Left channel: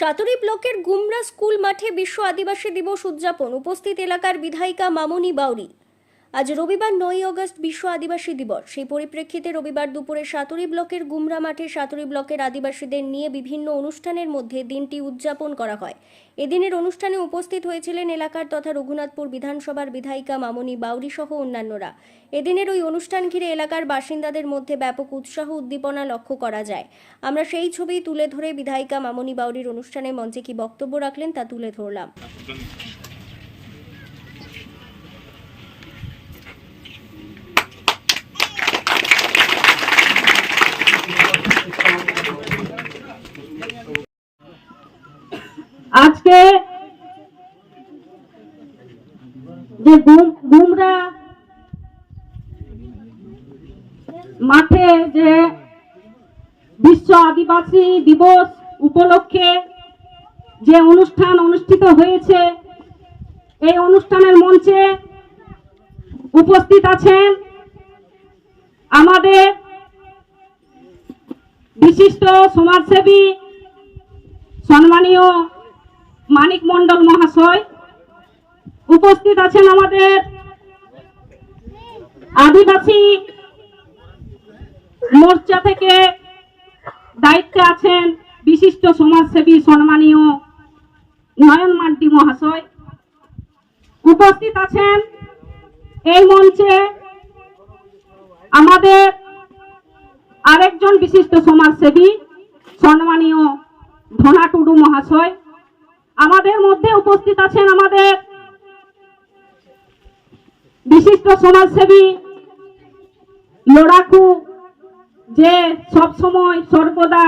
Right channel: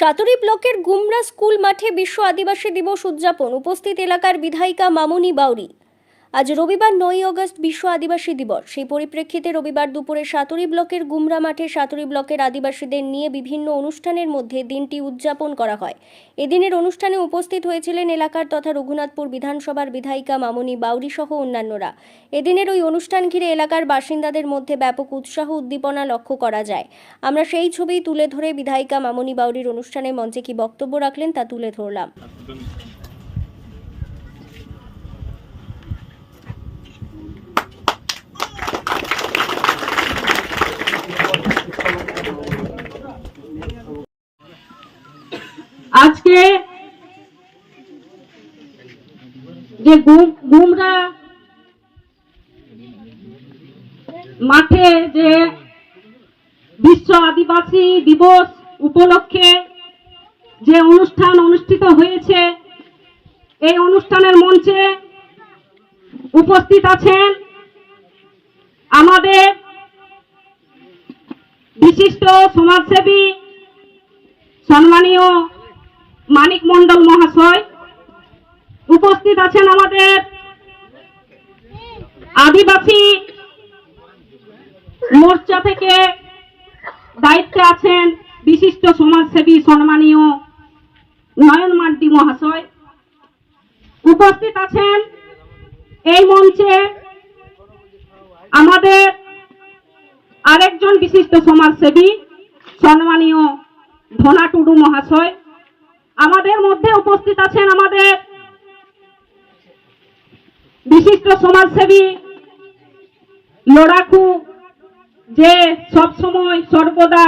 সাতুরি ব্লকের গুমরা স্কুল মাঠে বিশ্ব আদিবাসী দিবস উদযাপন। উপস্থিত এলাকার বিধায়িকা মামনি বাউরি। আজ রবিবার 9 আগস্ট বিশ্ব আদিবাসী দিবস। সেই পরিপ্রেক্ষিতে রবিবার দুপুরে সাতুরি ব্লকের গুমরা মাঠে সাতুরি ব্লকের আদিবাসীদের নিয়ে বিভিন্ন অনুষ্ঠানের মধ্যে দিনটি উদযাপন করা হয়। এদিনের অনুষ্ঠানে উপস্থিত হয়েছিলেন এলাকার তথা রঘুনাথপুর বিধানসভার বিধায়িকা মামনি বাউরি সহ অন্যান্যরা। এদিনের ওই অনুষ্ঠান ঘিরে এলাকার বাসিন্দাদের মধ্যে ব্যাপক উৎসাহ উদ্দীপনা লক্ষ্য করা যায়। আমরা সেই ছবি তুলে ধরে বিধায়িকা মামনি বাউরির অনুষ্ঠানে মঞ্চে কি বক্তব্য রাখলেন তা তুলে ধরলাম। আজকে যে গুমরা মাঠে যে বিশ্ব আদিবাসী দিবস উপলক্ষে যে অনুষ্ঠান অনুষ্ঠিত হয়েছে, এই অনুষ্ঠানের মঞ্চে উপস্থিত আছেন আমাদের বিশিষ্ট সমাজসেবী সম্মানীয় মানিক মণ্ডল মহাশয়, উপস্থিত আছেন আমাদের আদিবাসী মোর্চা থেকে দায়িত্বে আছেন বিশিষ্ট সমাজসেবী সম্মানীয় নয়ন মান্টি মহাশয়, উপস্থিত আছেন এই মঞ্চে আমাদের আরেকজন বিশিষ্ট সমাজসেবী সম্মানীয় ধনা টুডু মহাশয়, আমাদের মধ্যে উপস্থিত আছেন আমাদের বিশিষ্ট সমাজসেবী লড়াকু, যে সব সময় সর্বদা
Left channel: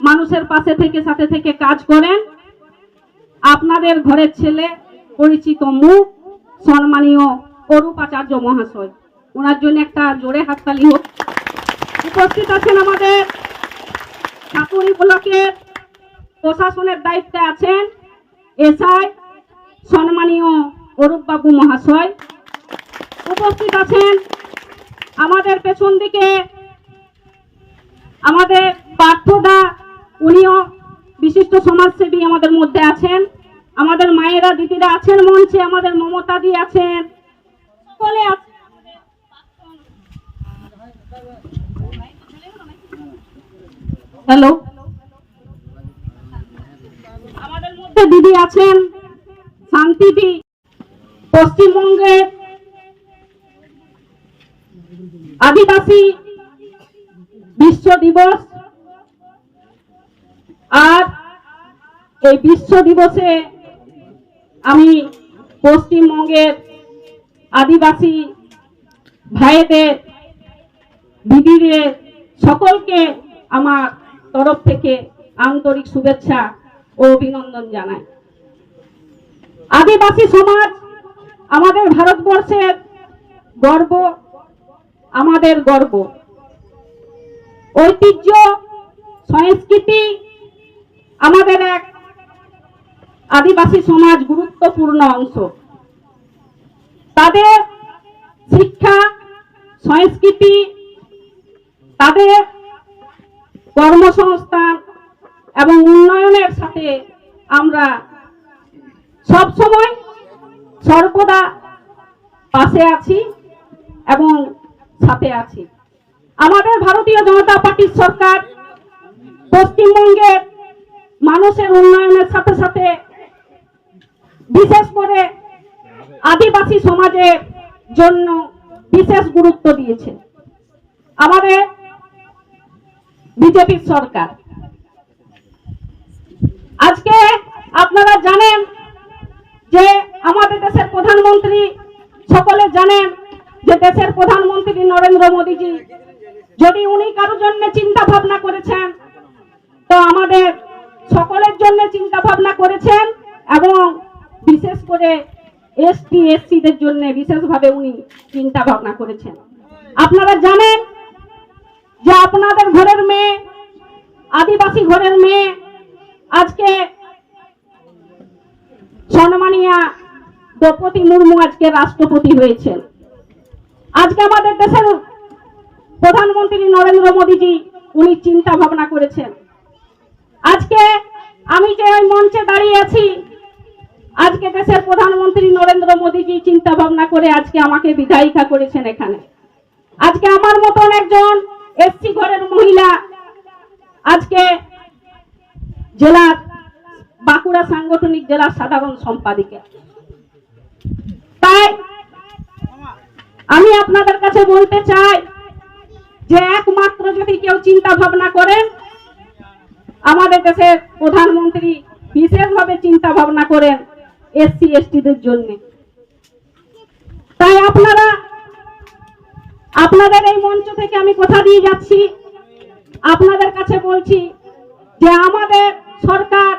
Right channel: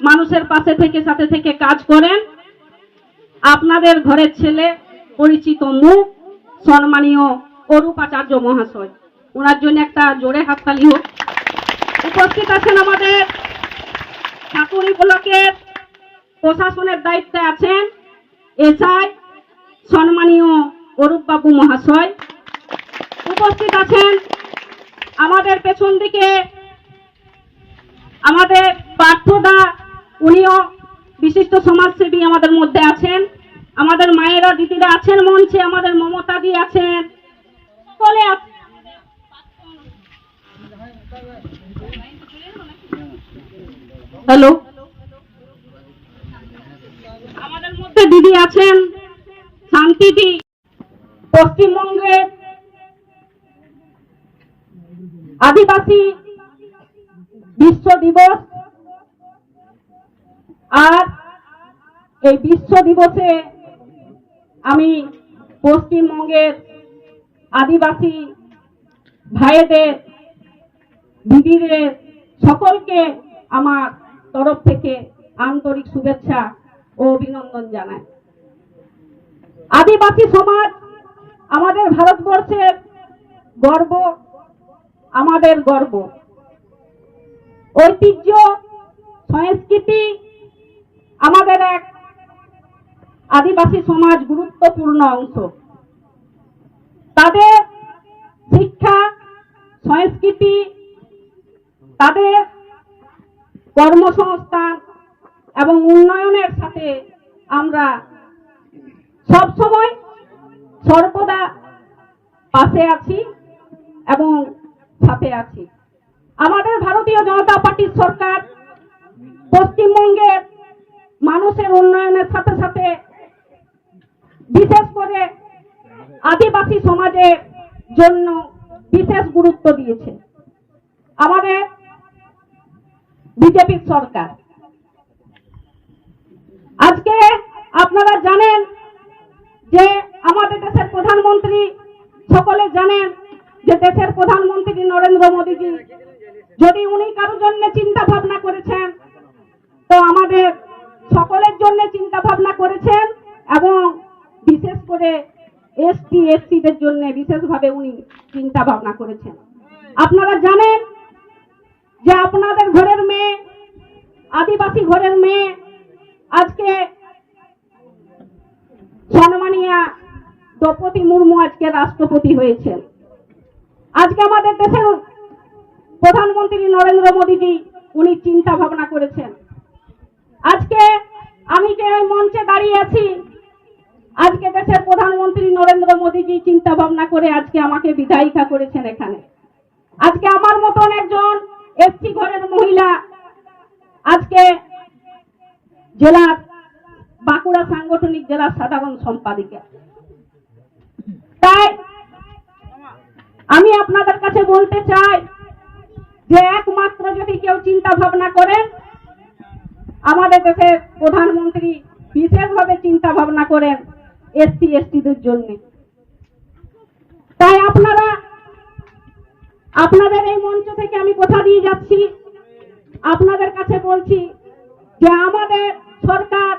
মানুষের পাশে থেকে সাথে থেকে কাজ করেন, আপনাদের ঘরের ছেলে পরিচিত মুখ সম্মানীয় অরূপাচার্য মহাশয়, ওনার জন্য একটা জোরে হাততালি হোক। উপস্থিত আছেন আমাদের সাতুরি ব্লকের প্রশাসনের দায়িত্বে আছেন এসআই সম্মানীয় অরূপ বাবু মহাশয়, উপস্থিত আছেন আমাদের পেছন দিকে আমাদের পার্থদা, উনিও বিশিষ্ট সমাজসেবী আমাদের মধ্যে আছেন, আমাদের মায়েরা দিদিরা আছেন মঞ্চে, আমাদের মমতা দি আছেন, সকলে আছেন। হ্যালো, আমাদের মধ্যে দিদি আছেন শান্তিদি। পশ্চিমবঙ্গের আদিবাসী বিশ্ব দিবস, আর এই বিশ্ব দিবসে আমি পশ্চিমবঙ্গের আদিবাসী ভাইদের দিদিদের সকলকে আমার তরফ থেকে আন্তরিক শুভেচ্ছা ও অভিনন্দন জানাই। আদিবাসী সমাজ আমাদের ভারতবর্ষের গর্ব, আমাদের গর্ব, ঐতিহ্য সংস্কৃতি আমাদের এক আদিবাসী সমাজ গুরুত্বপূর্ণ অংশ। তাদের শিক্ষা সংস্কৃতি, তাদের কর্মসংস্থান এবং উন্নয়নের সাথে আমরা সব সময় সর্বদা পাশে আছি এবং সাথে আছি। আমাদের ভারতীয় জনতা পার্টির সরকার পশ্চিমবঙ্গের মানুষের উন্নয়নের সাথে সাথে বিশেষ করে আদিবাসী সমাজের জন্য বিশেষ গুরুত্ব দিয়েছে। আমাদের বিজেপি সরকার, আজকে আপনারা জানেন যে আমাদের দেশের প্রধানমন্ত্রী, সকলে জানেন যে দেশের প্রধানমন্ত্রী নরেন্দ্র মোদীজি, যদি উনি কারোর জন্য চিন্তা ভাবনা করেছেন তো আমাদের সকলের জন্য চিন্তা ভাবনা করেছেন, এবং বিশেষ করে এসটি এসসিদের জন্য বিশেষভাবে উনি চিন্তা ভাবনা করেছেন। আপনারা জানেন যে আপনাদের ঘরের মেয়ে, আদিবাসী ঘরের মেয়ে, আজকে সম্মানীয় দ্রৌপদী মুর্মু আজকে রাষ্ট্রপতি হয়েছেন। আজকে আমাদের দেশের প্রধানমন্ত্রী নরেন্দ্র মোদীজি উনি চিন্তা ভাবনা করেছেন। আজকে আমি যে ওই মঞ্চে দাঁড়িয়ে আছি, আজকে দেশের প্রধানমন্ত্রী নরেন্দ্র মোদীজি চিন্তা ভাবনা করে আজকে আমাকে বিধায়িকা করেছেন এখানে। আজকে আমার মতন একজন এসসি ঘরের মহিলা আজকে জেলার বাঁকুড়া সাংগঠনিক জেলার সাধারণ সম্পাদিকা। তাই আমি আপনাদের কাছে বলতে চাই যে একমাত্র যদি কেউ চিন্তা ভাবনা করেন, আমাদের দেশের প্রধানমন্ত্রী বিশেষভাবে চিন্তা ভাবনা করেন এসসি এসটিদের জন্য। তাই আপনাদের এই মঞ্চ থেকে আমি কথা দিয়ে যাচ্ছি, আপনাদের কাছে বলছি যে আমাদের সরকার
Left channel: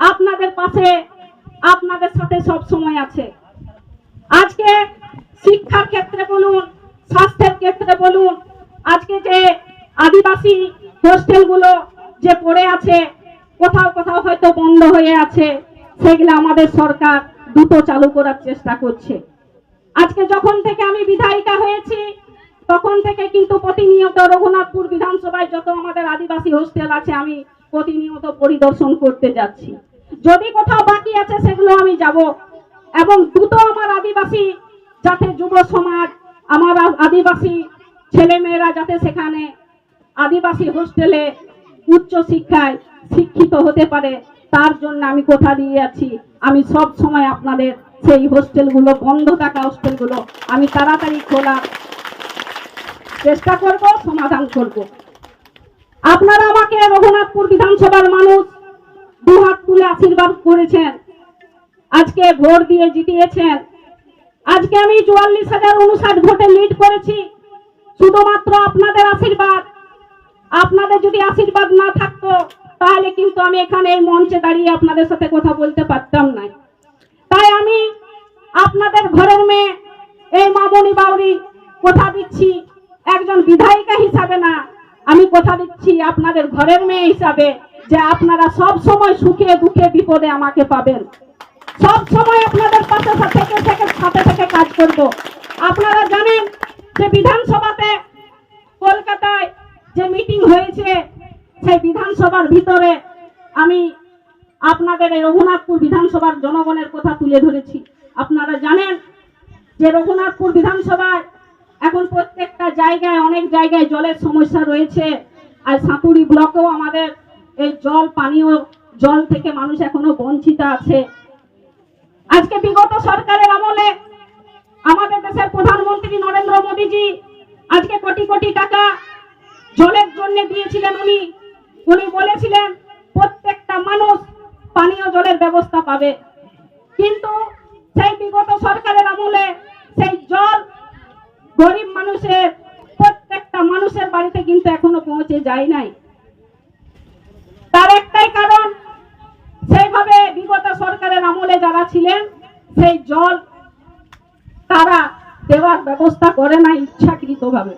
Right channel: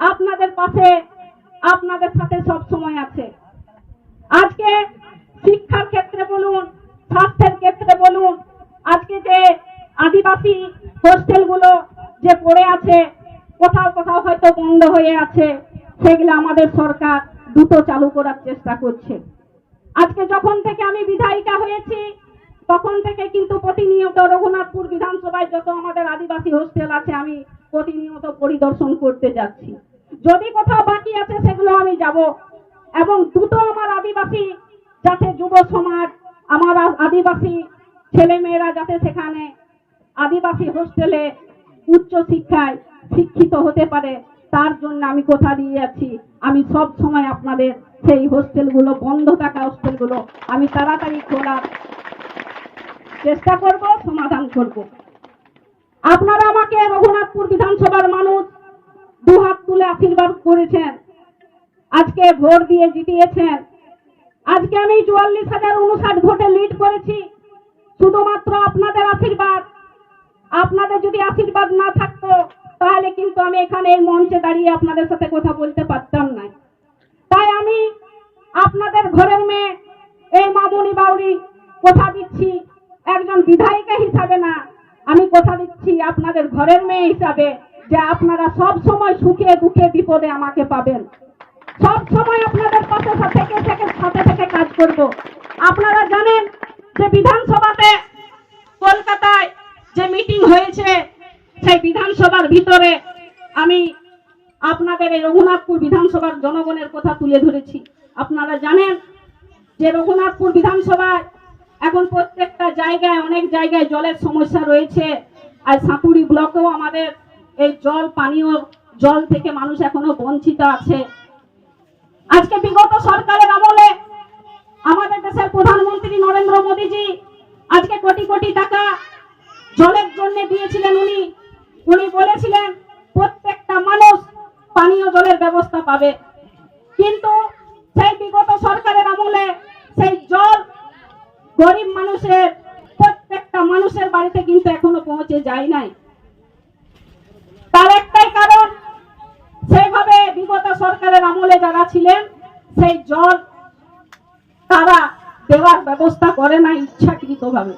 আপনাদের পাশে, আপনাদের সাথে সব সময় আছে। আজকে শিক্ষার ক্ষেত্রে বলুন, স্বাস্থ্যের ক্ষেত্রে বলুন, আজকে যে আদিবাসী হোস্টেলগুলো যে পড়ে আছে, কোথাও কোথাও হয়তো বন্ধ হয়ে আছে, সেগুলো আমাদের সরকার দ্রুত চালু করার চেষ্টা করছে। আজকে যখন থেকে আমি বিধায়িকা হয়েছি তখন থেকে কিন্তু প্রতিনিয়ত রঘুনাথপুর বিধানসভায় যত আমাদের আদিবাসী হোস্টেল আছে আমি প্রতিনিয়ত পরিদর্শন করতে যাচ্ছি। যদি কোথাও বাকি আছে সেগুলো আমি যাব, এবং দ্রুত আমার আদিবাসী যাতে যুব সমাজ, আমার আদিবাসী ছেলেমেয়েরা যাতে সেখানে আদিবাসী হোস্টেলে উচ্চ শিক্ষায় শিক্ষিত হতে পারে, তার জন্য আমি কথা দিয়ে আছি। আমি সব সময় আপনাদের সেই হোস্টেলগুলো, বন্ধ থাকা হোস্টেলগুলো আমি তাড়াতাড়ি খোলার চেষ্টা করব, সমাধান করব। আপনারা আমাকে রঘুনাথপুর বিধানসভার মানুষ দুহাত তুলে আশীর্বাদ করেছেন, আজকে ভোট দিয়ে জিতিয়েছেন। আজকে আমি 44,059 ভোটে লিড করেছি, শুধুমাত্র আপনাদের আশীর্বাদ। আপনাদের যদি আশীর্বাদ না থাকতো তাহলে কিন্তু আমি এখানে এই মঞ্চে দাঁড়িয়ে আপনাদের সাথে কথা বলতে পারতাম না। তাই আমি আপনাদের ঘরের মেয়ে এই মামনি বাউরি কথা দিচ্ছি, একজন বিধায়িকা হিসাবে না, আমি কথা দিচ্ছি আপনাদের ঘরের মেয়ে হিসাবে, যে আপনারা সব সময় সুখে দুঃখে বিপদে আমাকে পাবেন। সব সময় আপনাদের পাশে সাথে থেকে কাজ করব। আপনারা জানেন যে বিধানসভাতে কলকাতায় যে মিটিং হয়েছে, সেই বিধানসভার ভিতরে আমি আপনাদের এই রঘুনাথপুর বিধানসভার জনগণের কথা তুলে ধরেছি। আপনারা জানেন যে রঘুনাথপুর বিধানসভায় এখন প্রত্যেকটা জায়গায়, অনেক জায়গায় জলের সমস্যা রয়েছে। আর সাঁতুরি ব্লকেও আমাদের এই পানীয় জল থেকে মানুষ এখনো বঞ্চিত আছে। আজকে বিগত সরকারের আমলে আমাদের দেশের প্রধানমন্ত্রী নরেন্দ্র মোদীজি আজকে কোটি কোটি টাকা জলের জন্য দিয়েছিলেন। উনি বলেছিলেন প্রত্যেকটা মানুষ পানীয় জলের ব্যবস্থা পাবে, কিন্তু সেই বিগত সরকারের আমলে সেই জল গরিব মানুষের, প্রত্যেকটা মানুষের বাড়িতে কিন্তু এখনো পৌঁছে যায় নাই। তার একটাই কারণ, সেইভাবে বিগত সরকারের আমলে যারা ছিলেন সেই জল তারা দেওয়ার ব্যবস্থা করে না ইচ্ছাকৃতভাবে।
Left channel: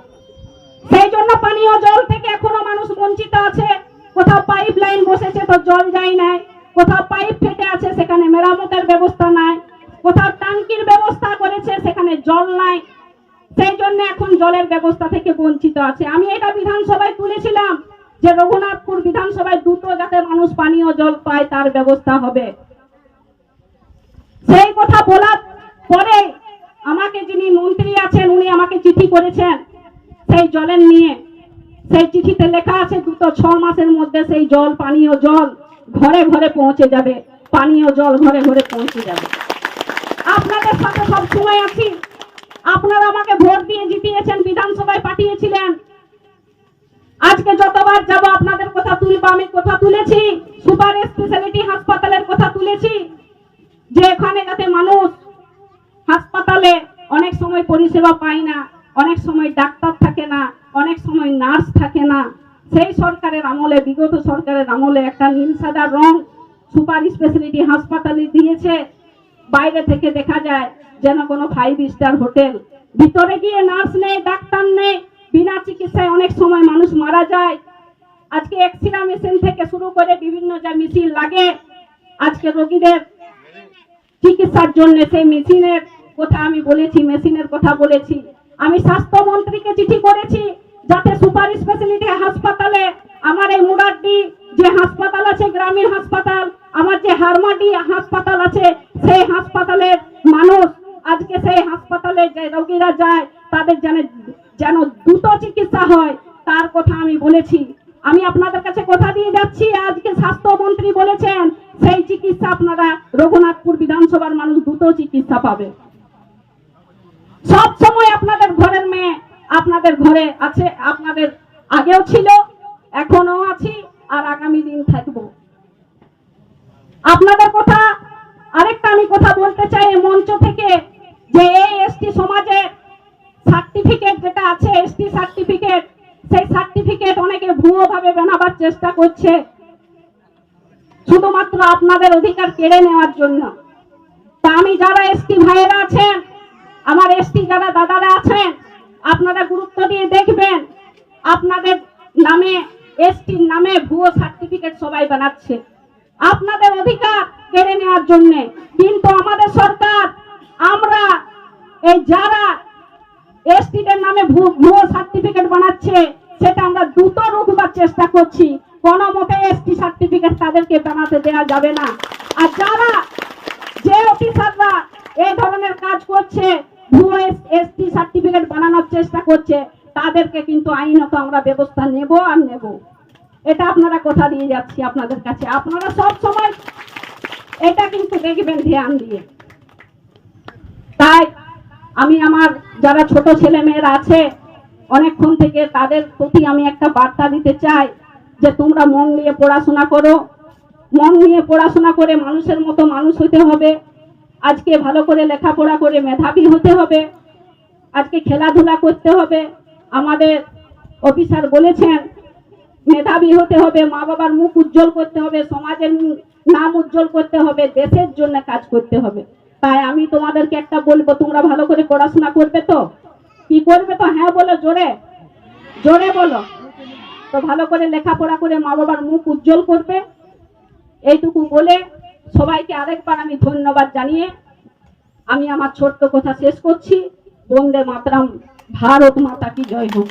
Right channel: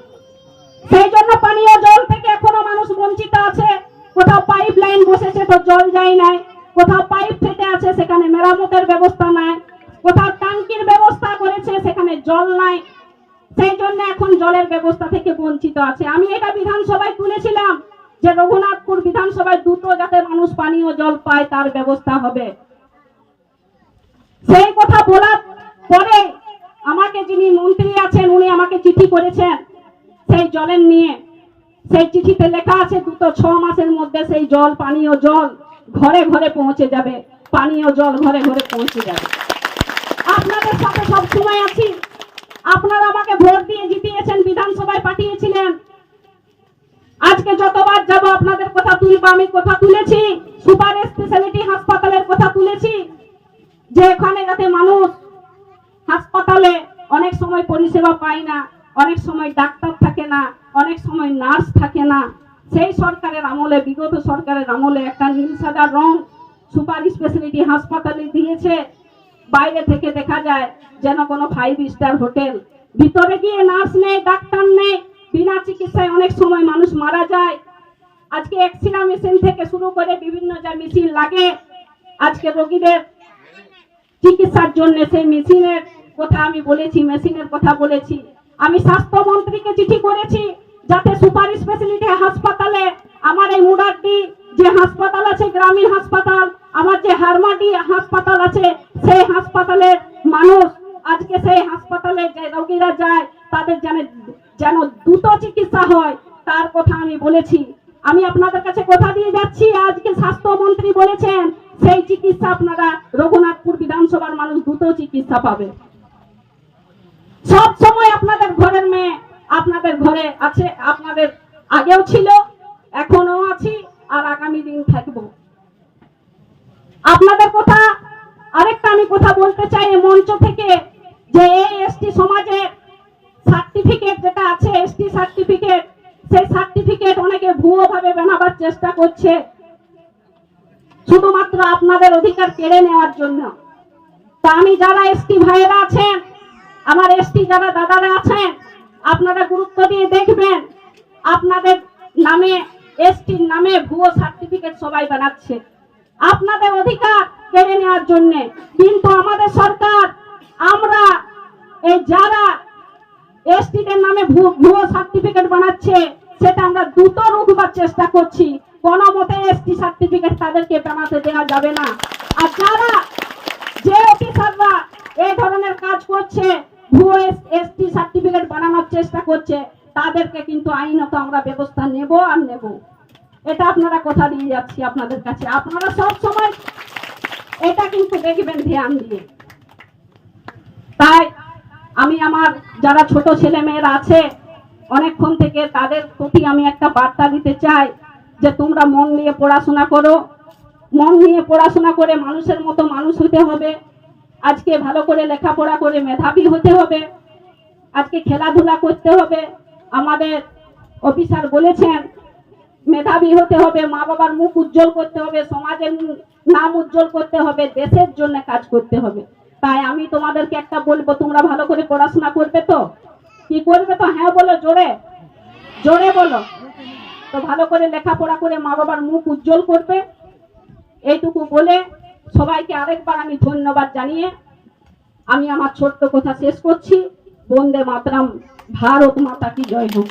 সেই জন্য পানীয় জল থেকে এখনো মানুষ বঞ্চিত আছে। কোথাও পাইপ লাইন বসেছে তো জল যায় নাই, কোথাও পাইপ ফেটে আছে সেখানে মেরামতের ব্যবস্থা নাই, কোথাও ট্যাঙ্কির ব্যবস্থা করেছে সেখানে জল নাই। সেই জন্য এখন জলের ব্যবস্থা থেকে বঞ্চিত আছে। আমি এটা বিধানসভায় তুলেছিলাম যে রঘুনাথপুর বিধানসভায় দ্রুত যাতে মানুষ পানীয় জল পায় তার ব্যবস্থা হবে। সেই কথা বলার পরে আমাকে যিনি মন্ত্রী আছেন উনি আমাকে চিঠি করেছেন সেই জলের নিয়ে। সেই চিঠিতে লেখা আছে দ্রুত 6 মাসের মধ্যে সেই জল, পানীয় জল ঘরে ঘরে পৌঁছে যাবে, পানীয় জল ঘরে ঘরে পৌঁছে যাবে। আপনাদের সাথে সব সময় আছি। আপনারা আমাকে ভোট দিয়ে জিতিয়েছেন, বিধানসভায় পাঠিয়েছিলেন। আজকে যতবার যাব আপনাদের কথা তুলব। আমি কথা তুলেছি সুপার স্পেশালিটি হাসপাতালের কথা তুলেছি, যে এখানে যাতে মানুষ হাসপাতালে অনেক সময় পরিষেবা পায় না, অনেক সময় ডাক্তার থাকে না, অনেক সময় নার্স থাকে না। সেই সরকারের আমলে, বিগত সরকারের আমলে একটা নীল সাদা রং সুপার স্পেশালিটি হাসপাতালে দিয়েছে। বাইরে থেকে দেখা যায় যেন কোনো 5 স্টার হোটেল। ভিতরে গিয়ে নার্স নেই, ডাক্তার নেই, বিনা চিকিৎসায় অনেক সময় মানুষ মারা যায়। আজকে এক্সরে মেশিন থেকে শুরু করে বিভিন্ন যে মেশিন লাগে আজকে রোগীদের চিকিৎসার জন্য, সেই মেশিনের কথা আমি বলেছি, মেশিনের কথা বলেছি। আমি স্বাস্থ্যমন্ত্রীকে চিঠি করেছি যাতে সুপার স্পেশালিটি হাসপাতালে আমার এই মুরাড্ডি যে হাসপাতাল আছে গ্রামীণ হাসপাতাল, আমার যে হারমাটি হাসপাতাল আছে, সেই হাসপাতালের মানুষ আজকে সেই হাসপাতালে যে রোগীরা যায় তাদের যেন দ্রুত চিকিৎসা হয় তার কথা আমি বলেছি। আমি আপনাদের কাছে কথা দিয়ে যাচ্ছি, আজকে স্বাস্থ্যমন্ত্রী বলেছেন সেই চিকিৎসা আপনারা রঘুনাথপুর বিধানসভার মানুষ দ্রুত চিকিৎসা পাবে। সব সময় আপনাদের ঘরের মেয়ে আপনাদের ঘরে আছে, আপনাদের আগেও ছিল, এখনো আছি, আর আগামী দিন থাকবো। আপনাদের কথা আরেকটা আমি কথা বলতে চাই এই মঞ্চ থেকে, যে এই এসটি সমাজের সার্টিফিকেট যেটা আছে, এসটি সার্টিফিকেট, সেই সার্টিফিকেট অনেকে ভুয়ো ভাবে বানাবার চেষ্টা করছে শুধুমাত্র আপনাদের অধিকার কেড়ে নেওয়ার জন্য। তা আমি যারা এসটি ভাইয়েরা আছেন, আমার এসটি যারা দাদারা আছেন, আপনারা গুরুত্ব দিয়ে দেখবেন, আপনাদের নামে এসটির নামে ভুয়ো সার্টিফিকেট সবাই বানাচ্ছে আপনাদের অধিকার কেড়ে নেওয়ার জন্য। কিন্তু আমাদের সরকার, আমরা এই যারা এসটিদের নামে ভুয়ো সার্টিফিকেট বানাচ্ছে সেটা আমরা দ্রুত রুখবার চেষ্টা করছি। কোনো মতে এসটি সার্টিফিকেট তাদেরকে বানাতে দেওয়া যাবে না। আর যারা যে অফিসাররা এই ধরনের কাজ করছে, ভুয়ো এসটি সার্টিফিকেট বানানোর চেষ্টা করছে, তাদেরকে কিন্তু আইনত আমরা ব্যবস্থা নেব আর নেব। এটা আপনারা কথা দিয়ে যাচ্ছি আপনাদের কাছে, আপনারা সব সময় এটা কিন্তু দেখবেন ধ্যান দিয়ে। তাই আমি আমার যারা ছোট ছেলে মেয়েরা আছে অনেকক্ষণ থেকে, তাদের প্রতি আমি একটা বার্তা দিতে চাই যে তোমরা মন দিয়ে পড়াশোনা করো, মন নিয়ে পড়াশোনা করে মানুষের মতো মানুষ হতে হবে। আজকে ভালো করে লেখাপড়া করে মেধাবী হতে হবে, আজকে খেলাধুলা করতে হবে। আমাদের অফিসার বলেছেন মেধাবী হতে হবে, মা বাবার মুখ উজ্জ্বল করতে হবে, সমাজের নাম উজ্জ্বল করতে হবে, দেশের জন্য কাজ করতে হবে। তাই আমি তোমাদেরকে একটা বলবো, তোমরা ভালো করে পড়াশোনা করবে তো? কি করবে তো? হ্যাঁ বলো, জোরে জোরে বলো। তো ভালো করে লেখাপড়া করে মা বাবার মুখ উজ্জ্বল করবে। এইটুকু বলে সবাইকে আরেকবার আমি ধন্যবাদ জানিয়ে আমি আমার ছোট্ট কথা শেষ করছি। বন্দে মাতরম, ভারত মাতা কি জয় হোক।